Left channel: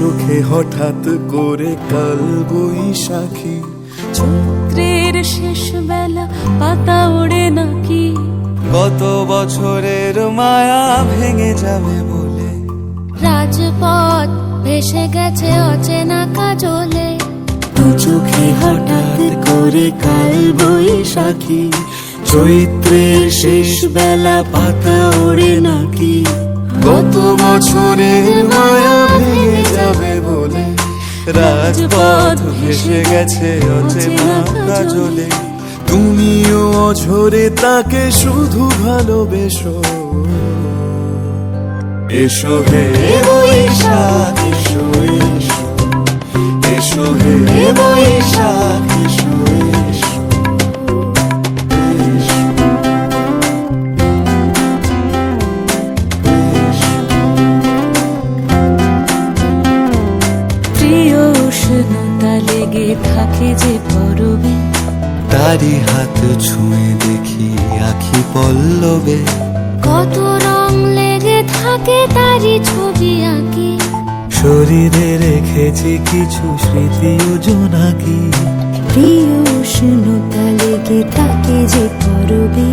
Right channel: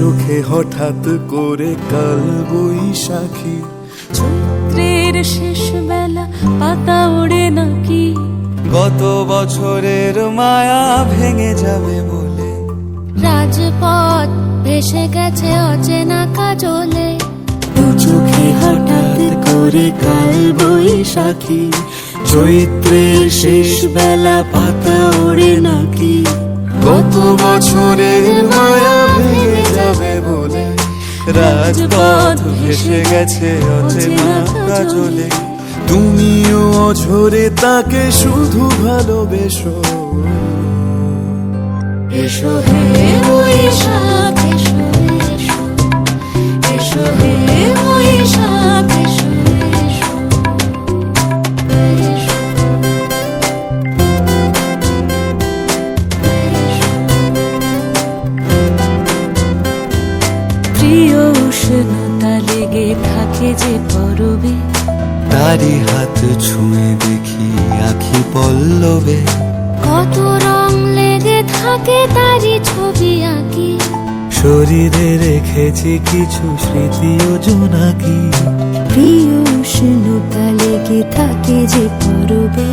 চোখে হঠাৎ করে কাল বৈশাখী, চৈত্রের শেষ বেলা পাতা ওড়ে নাকি, গত বছরের মায়া ভেঙে যাবে বলে, রাজপথ ভেসে গেছে অচেনা কাজলে, দু চোখে হঠাৎ করে কাল বৈশাখী, চৈত্রের শেষ বেলা পাতা ওড়ে নাকি, গত বছরের মায়া ভেঙে যাবে বলে, রাজপথ ভেসে গেছে অচেনা কাজলে। তুমিও অঝরে তাকে শুধু ভালোবেসো। এসো হে বৈশাখ এসো, এসো এসো হে বৈশাখ এসো, এসো এসো। প্রিয় উষ্ণতা লেগে থাকে যে পরবে, তারি হাত ছুঁয়ে দেখি আখি পল্লবে, কত রং লেগে থাকে তারই ছবি আঁকি, শরীরে রেখেছি কিছু স্মৃতি ও জোনাকি, প্রিয় উষ্ণতা লেগে থাকে যে পরবে,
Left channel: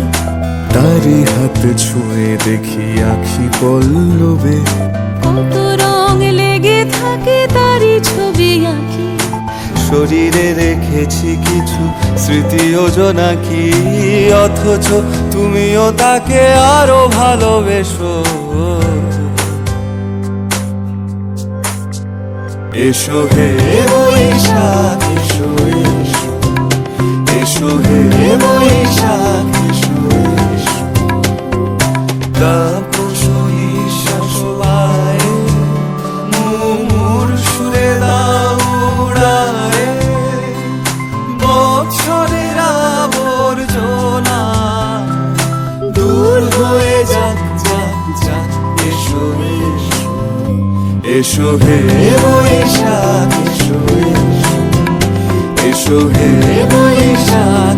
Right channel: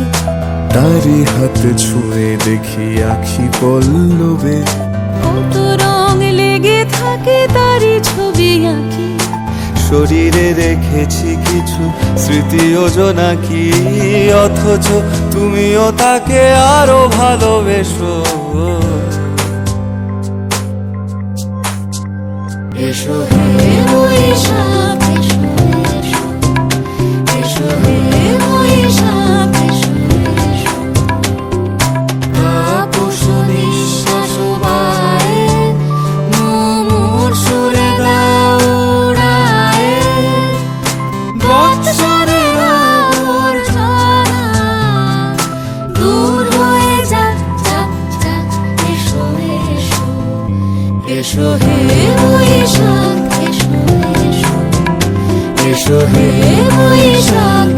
তারি হাত ছুঁয়ে দেখি আখি পল্লবে, কত রং লেগে থাকে তারই ছবি আঁকি, শরীরে রেখেছি কিছু স্মৃতি ও জোনাকি, অথচ তুমিও তাকে আরো ভালোবেসো। এসো হে বৈশাখ এসো, এসো এসো হে বৈশাখ এসো, এসো। তাপস নিঃশ্বাস বায়ে, মুমুর সুরে দাও উড়ায়ে, বৎসরের আবর্জনা দূর হয়ে যাক, যাক, যাক। এসো এসো এসো হে বৈশাখ এসো, এসো এসো হে বৈশাখ